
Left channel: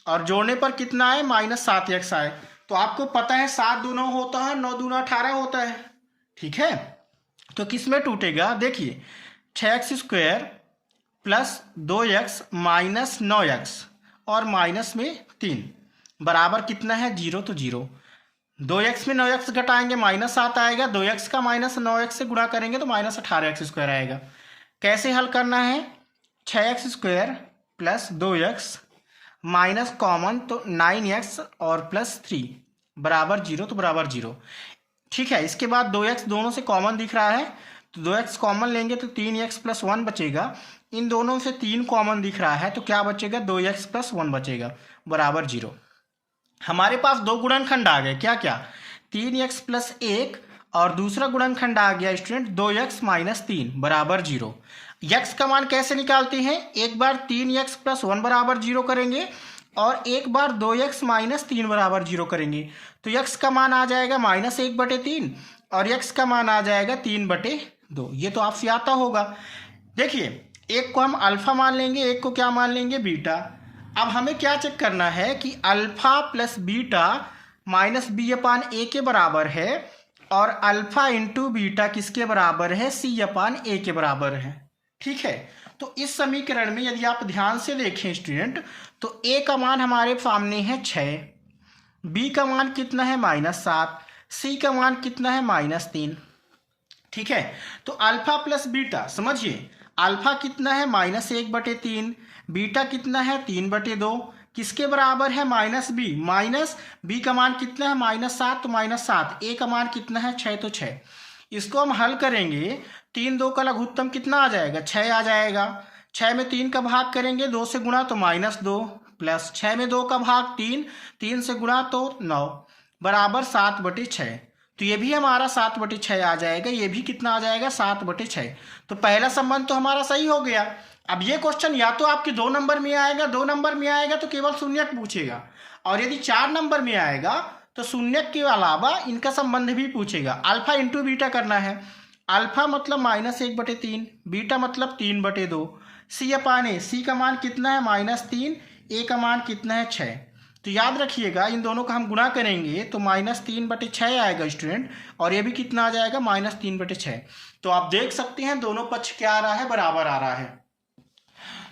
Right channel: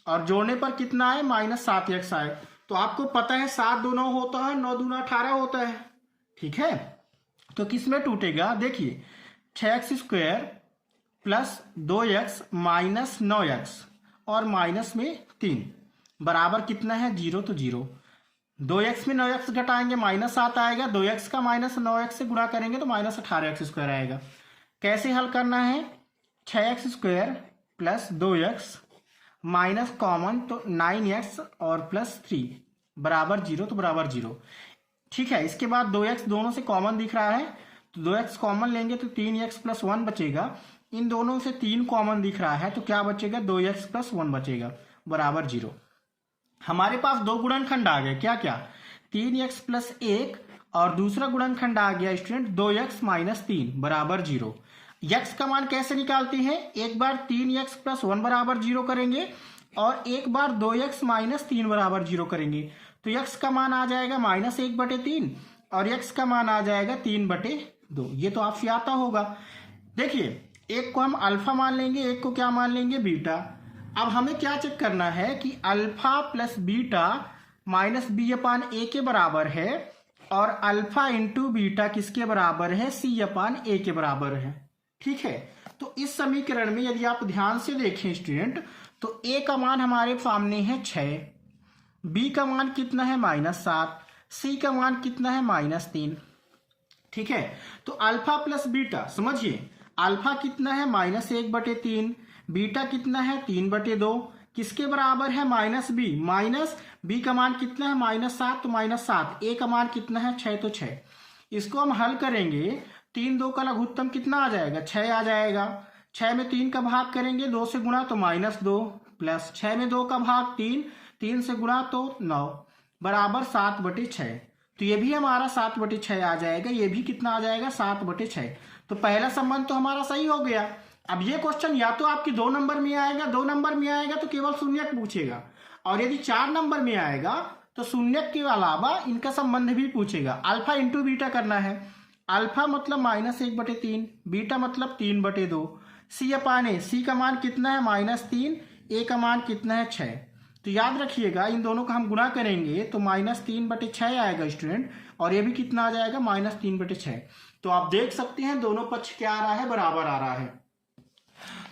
और जोड़ने पर कितना आए, -7x आए। तो आपको पता है 7 दूना होता है, 9 दूना 18 होता है। ठीक है, तो किस में टूटेगा, देखिए 6x² + 2x - 9x और माइनस में 3 बराबर कितना है, 0, तो 0। 2x में 9x घटाएंगे -7 आएगा, 2x का -9x से गुणा करेंगे तो -18x² आएगा। कैसे हल करना है, 6x² + 2x माइनस कॉमन, तो 9x और +3 बराबर 0, तो बराबर 0। ठीक है, इसके बाद 2x दोनों से कॉमन दिख रहा है, तो 2x कॉमन लेंगे तो 3x + 1 बचेगा। इन दोनों से 3 कॉमन दिख रहा है, तो क्या बचेगा, 2x + 1 बचेगा, बराबर 0। हमारे पास दो गुणनखंड आ गए, क्या क्या, 3x + 1 और दूसरा गुणनखंड आ गया स्टूडेंट 2x - 3 बराबर 0। x का मान कैसे निकालते हैं, एक बार 3x + 1 बराबर 0 करेंगे और एक बार 2x - 3 बराबर 0 करेंगे, तो x का मान आ जाएगा -1/3 और x का मान आ जाएगा 3/2। ये तो आपसे आता होगा। देखिए, एक को हम अल्फा मान लेंगे, एक को क्या मान लेंगे, बीटा। अब हमें क्या चेक करना है कि अल्फा प्लस बीटा -b/a के बराबर है, और अल्फा इंटू बीटा किसके बराबर है, c/a के बराबर है। ठीक है, तो इस समीकरण में यदि आप ध्यान से देखें स्टूडेंट, तो a का मान हमारे सामने है 6, b का मान कितना है -7, c का मान कितना है -3। ठीक है, तो अल्फा प्लस बीटा समझिए, अल्फा कितना है -1/3, बीटा कितना है 3/2, किसके बराबर है, -b का मान कितना है -7, तो -7, a का मान कितना है 6, तो 6। इसको हम हल करेंगे, 3 2 का लघुत्तम कितना आ जाएगा, 6 आ जाएगा। 6 में 3 का भाग करेंगे, 2 से गुणा तो -2, प्लस 6 में 2 का भाग 3, 3 से गुणा तो 9 बराबर 7/6। तो ये भी हमारा 7/6 आ जाएगा, ये भी कितना आ जाएगा, 7/6। तो पहला संबंध तो हमारा सही हो गया। अब ये क्वेश्चन या तो आपके 2 नंबर में आएगा, 2 नंबर में आएगा तो केवल शून्यक पूछेगा, और यदि 4 नंबर में आएगा तो शून्यक के अलावा इनका संबंध भी पूछेगा। अल्फा इंटू बीटा करना है, अल्फा मतलब -1/3, बीटा मतलब 3/2, सी अपान ए, सी का मान कितना है -3, ए का मान कितना है 6। तो याद रखिएगा इन दोनों का हम गुणा करेंगे तो -3/6 आएगा स्टूडेंट, और ये भी कितना आ जाएगा -3/6। तो आप देख सकते हैं दोनों पक्ष क्या आ रहा है, बराबर आ रहा है।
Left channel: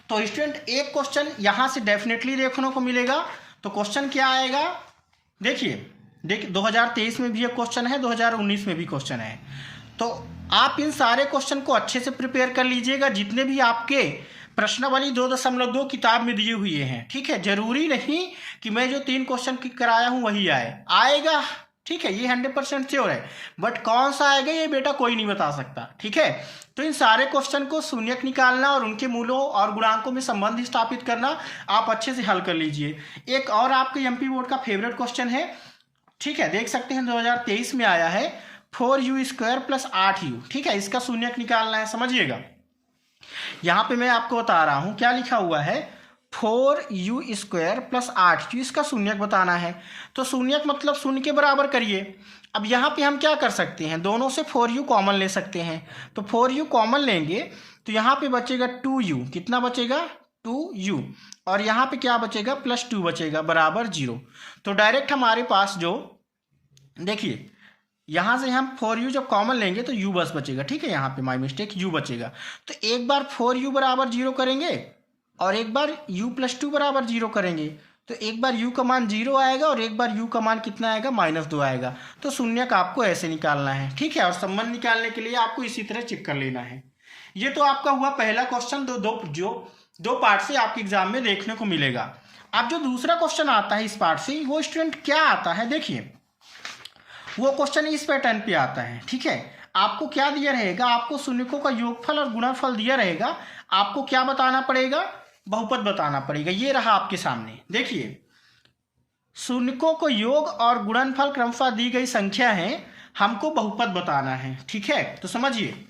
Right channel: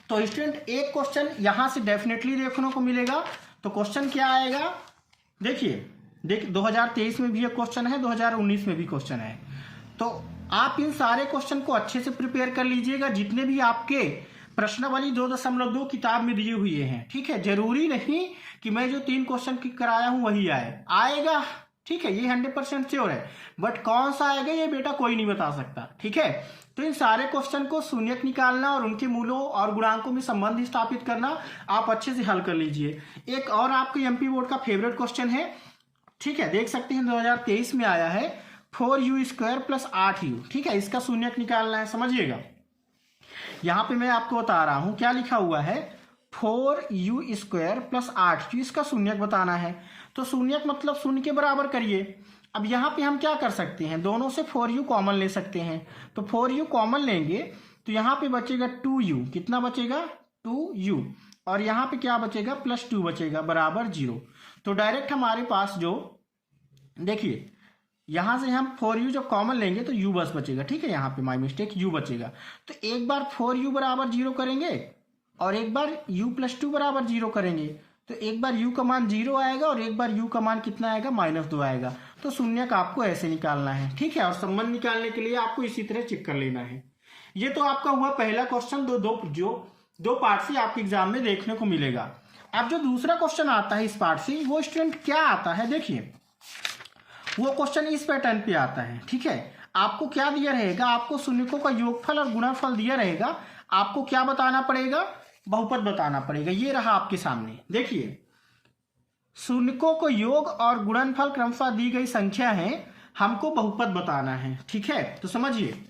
तो स्टूडेंट एक क्वेश्चन यहाँ से डेफिनेटली देखने को मिलेगा। तो क्वेश्चन क्या आएगा, देखिए 2023 में भी एक क्वेश्चन है, 2019 में भी क्वेश्चन है। तो आप इन सारे क्वेश्चन को अच्छे से प्रिपेयर कर लीजिएगा, जितने भी आपके प्रश्नावली 2.2 किताब में दिए हुए हैं। ठीक है, जरूरी नहीं कि मैं जो 3 क्वेश्चन कराया हूँ वही आएगा। ठीक है, ये 100% श्योर है, बट कौन सा आएगा ये बेटा कोई नहीं बता सकता। ठीक है, तो इन सारे क्वेश्चन को शून्यक निकालना और उनके मूलों और गुणांकों में संबंध स्थापित करना आप अच्छे से हल कर लीजिए। एक और आपके एमपी बोर्ड का फेवरेट क्वेश्चन है, ठीक है, देख सकते हैं 2023 में आया है, 4u² + 8u। ठीक है, इसका शून्यक निकालना है, समझिएगा। यहाँ पे मैं आपको बता रहा हूँ क्या लिखा हुआ है, 4u² + 8u, इसका शून्यक बताना है। तो शून्यक मतलब शून्य के बराबर करिए। अब यहाँ पे हम क्या कर सकते हैं, दोनों से 4u कॉमन ले सकते हैं। तो 4u कॉमन लेंगे तो यहाँ पे बचेगा 2u, कितना बचेगा 2u, और यहाँ पे क्या बचेगा +2 बचेगा बराबर 0। तो डायरेक्ट हमारे पास जो, देखिए यहाँ से हम 4u जब कॉमन लेंगे तो u बस बचेगा। ठीक है, यहाँ पे माय मिस्टेक, u बचेगा। तो एक बार 4u बराबर 0 करेंगे और एक बार u + 2 बराबर 0 करेंगे, तो एक बार u का मान 0 आएगा और एक बार u का मान कितना आएगा -2 आएगा। तो शून्यक आपको ऐसे निकालना है। ठीक है, और संबंध निकालने के लिए आपको इसी तरह चेक कर लेना है। ये तो आपका हुआ पहला क्वेश्चन, दो पार्ट से आपके एग्जाम में देखने को मिलेगा। अब जो दूसरा क्वेश्चन आता है इस पार्ट से, वो स्टूडेंट क्या आता है, देखिए वो क्वेश्चन इस पैटर्न पे आता है। ठीक है, आपको क्या दिया रहेगा, आपको शून्यकों का योगफल और गुणनफल दिया रहेगा। आपको क्या बताना पड़ेगा, बहुपद बताना पड़ेगा। ये रहा आपके सामने, देखिए शून्यकों को योग और गुणनफल क्रमशः दी गई संख्या है, हमको बहुपद बताना है। ठीक है, तो समझिए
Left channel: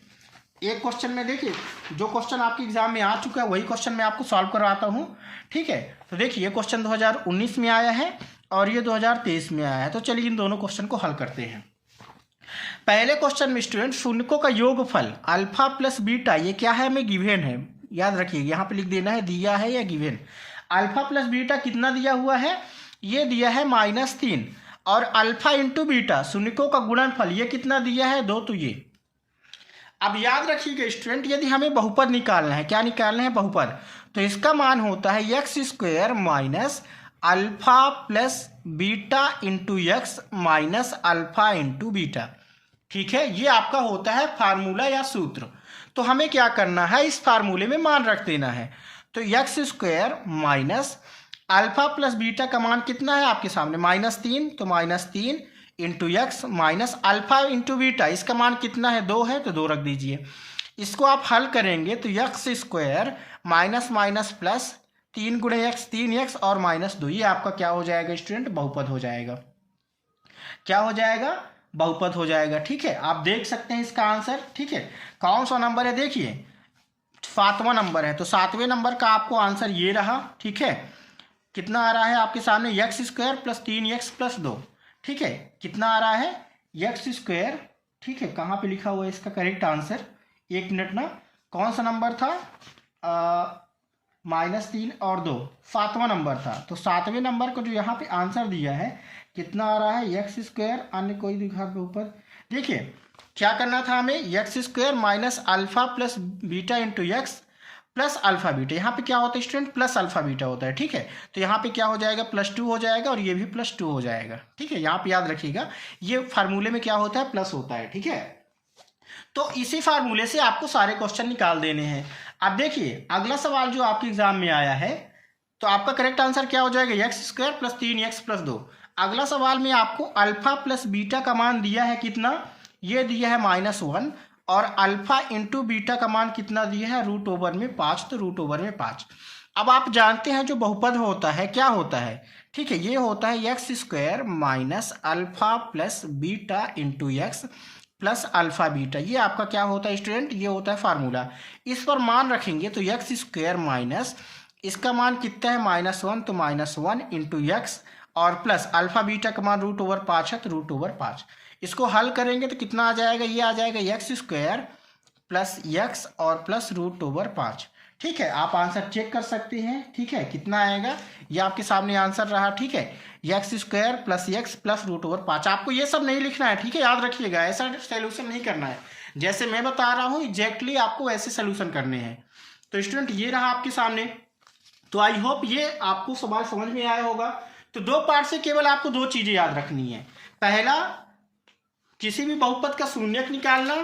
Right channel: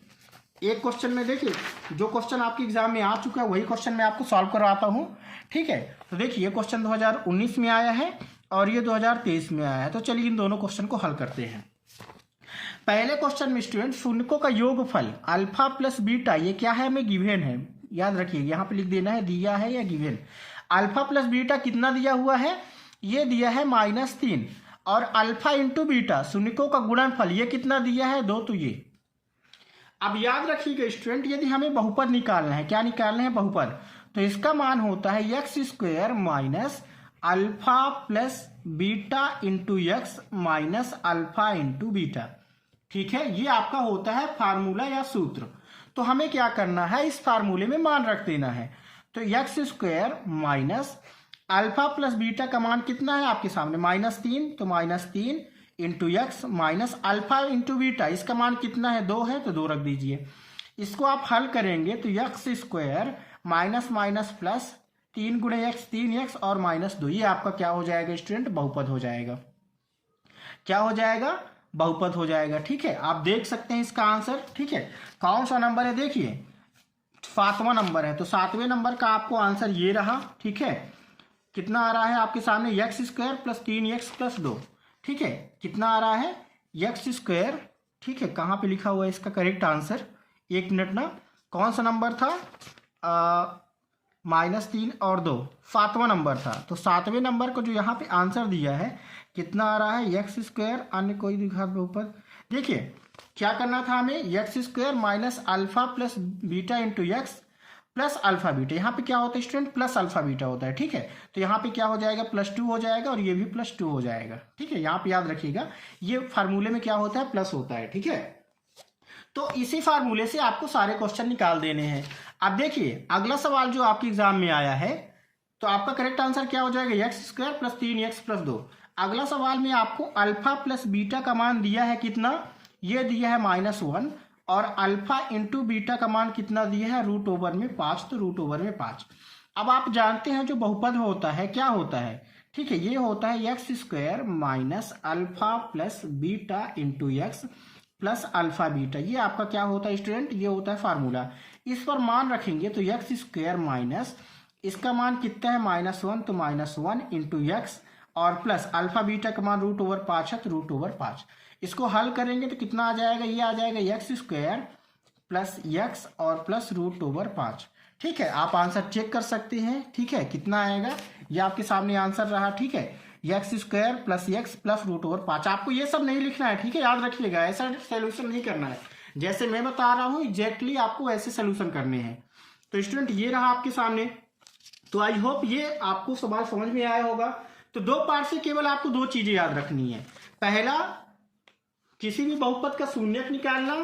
एक क्वेश्चन में, देखिए जो क्वेश्चन आपके एग्जाम में आ चुका है वही क्वेश्चन मैं आपको सॉल्व करवाता हूँ। ठीक है, तो देखिए ये क्वेश्चन 2019 में आया है और ये 2023 में आया है। तो चलिए इन दोनों क्वेश्चन को हल करते हैं। पहले क्वेश्चन में स्टूडेंट शून्यकों का योगफल अल्फा + बीटा, ये क्या है, हमें गिवन है, याद रखिए यहाँ पे लिख देना है दिया है या गिवन। अल्फा + बीटा कितना दिया हुआ है, ये दिया है -3, और अल्फा × बीटा शून्यकों का गुणनफल ये कितना दिया है 2। तो ये अब याद रखिएगा स्टूडेंट, यदि हमें बहुपद निकालना है, क्या निकालना है, बहुपद, तो इसका मान होता है x² - alpha + beta × x - alpha × beta. ठीक है, ये आपका होता है फार्मूला या सूत्र। तो हमें क्या करना है, इस फार्मूले में मान रख देना है। तो x² - अल्फा + बीटा का मान कितना है आपके सामने -3, तो -3 × x - अल्फा × बीटा, इसका मान कितना है 2 है, तो 2 रख दीजिए। इसको आप हल करेंगे तो x² - प्लस 3 × x 3x और -2, ये आपका क्या हो जाएगा स्टूडेंट, बहुपद हो जाएगा। क्या हो जाएगा, बहुपद हो जाएगा। ठीक है, आप देख सकते हैं इसका आंसर। ठीक है, कौन सा नंबर है, देखिए 7वां नंबर है, तो 7वें नंबर का आपको आंसर ये रहा। ठीक है, कितना आ रहा है आपके सामने, x² + 3x + 2। ठीक है, कितना आ रहा है x²। ठीक है, कहाँ पे लिखा हुआ है इसका करेक्ट आंसर, एक मिनट ना, कौन सा नंबर था, -3 और 2, 7वां नंबर था। तो 7वें नंबर को जो यहाँ पे आंसर दिया है कितना आ रहा है, x², अन्य कोई दिखा के ऊपर, देखिए क्या करना था हमें, x² - alpha + beta × x + alpha beta. यहाँ पे क्या होता है स्टूडेंट, प्लस अल्फा बीटा होता है। ठीक है, तो यहाँ पे क्या हो जाएगा, +2 हो जाएगा और ये भी +2 हो जाएगा। ठीक है, यहाँ पे याद रखिएगा ये फार्मूले में क्या होता है, प्लस होता है। ठीक है, तो इसी फार्मूले से आपको सारे क्वेश्चन निकाल देने हैं। अब देखिए अगला सवाल जो आपके एग्जाम में आया है, तो आपका करेक्ट आंसर क्या हो जाएगा, x² + 3x + 2। अगला सवाल में आपको अल्फा + बीटा का मान दिया है कितना, ये दिया है -1, और अल्फा × बीटा का मान कितना दिया है, √5, तो √5। अब आप जानते हैं जो बहुपद होता है क्या होता है, ठीक है, ये होता है x² - alpha + beta × x + alpha beta. ये आपका क्या होता है स्टूडेंट, ये होता है फार्मूला। इस पर मान रखेंगे तो x² - इसका मान कितना है, -1, तो -1 × x, और प्लस अल्फा बीटा का मान √5 है तो √5। इसको हल करेंगे तो कितना आ जाएगा, ये आ जाएगा x² प्लस x और प्लस √5। ठीक है, आप आंसर चेक कर सकते हैं। ठीक है, कितना आएगा, ये आपके सामने आंसर रहा। ठीक है, x² प्लस x प्लस √5। आपको ये सब नहीं लिखना है, ठीक है, याद रखिएगा, ऐसा सोल्यूशन नहीं करना है। जैसे मैं बता रहा हूँ एग्जैक्टली आपको ऐसे सोल्यूशन करने हैं। तो स्टूडेंट ये रहा आपके सामने। तो आई होप ये आपको सवाल समझ में आया होगा। तो दो पार्ट से केवल आपको दो चीजें याद रखनी है। पहला, किसी भी बहुपद का शून्यक निकालना,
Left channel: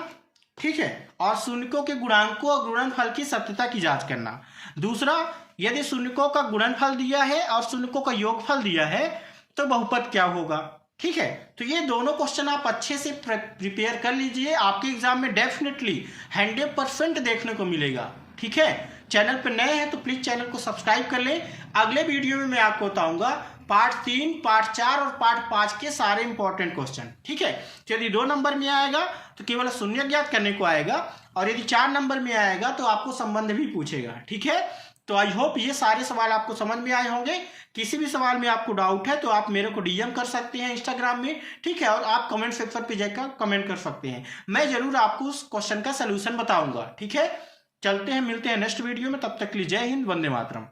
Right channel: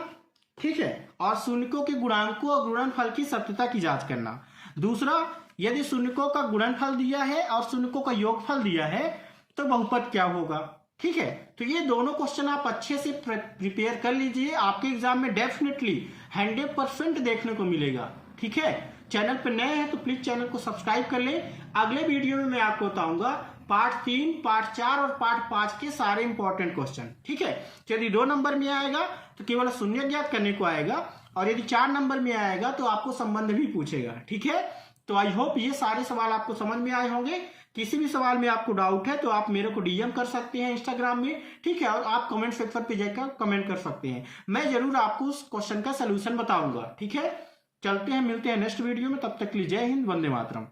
ठीक है, और शून्यकों के गुणांकों और गुणनफल की सत्यता की जांच करना। दूसरा, यदि शून्यकों का गुणनफल दिया है और शून्यकों का योगफल दिया है तो बहुपद क्या होगा। ठीक है, तो ये दोनों क्वेश्चन आप अच्छे से प्रिपेयर कर लीजिए, आपके एग्जाम में डेफिनेटली 100% देखने को मिलेगा। ठीक है, चैनल पर नए हैं तो प्लीज चैनल को सब्सक्राइब कर लें। अगले वीडियो में मैं आपको बताऊंगा पार्ट 3, पार्ट 4 और पार्ट 5 के सारे इंपॉर्टेंट क्वेश्चन। ठीक है, तो यदि 2 नंबर में आएगा तो केवल शून्य ज्ञात करने को आएगा, और यदि 4 नंबर में आएगा तो आपको संबंध भी पूछेगा। ठीक है, तो आई होप ये सारे सवाल आपको समझ में आए होंगे। किसी भी सवाल में आपको डाउट है तो आप मेरे को डीएम कर सकते हैं इंस्टाग्राम में। ठीक है, और आप कमेंट सेक्शन पे जाकर कमेंट कर सकते हैं, मैं जरूर आपको उस क्वेश्चन का सोल्यूशन बताऊंगा। ठीक है, चलते हैं, मिलते हैं नेक्स्ट वीडियो में, तब तक के लिए जय हिंद, वंदे मातरम।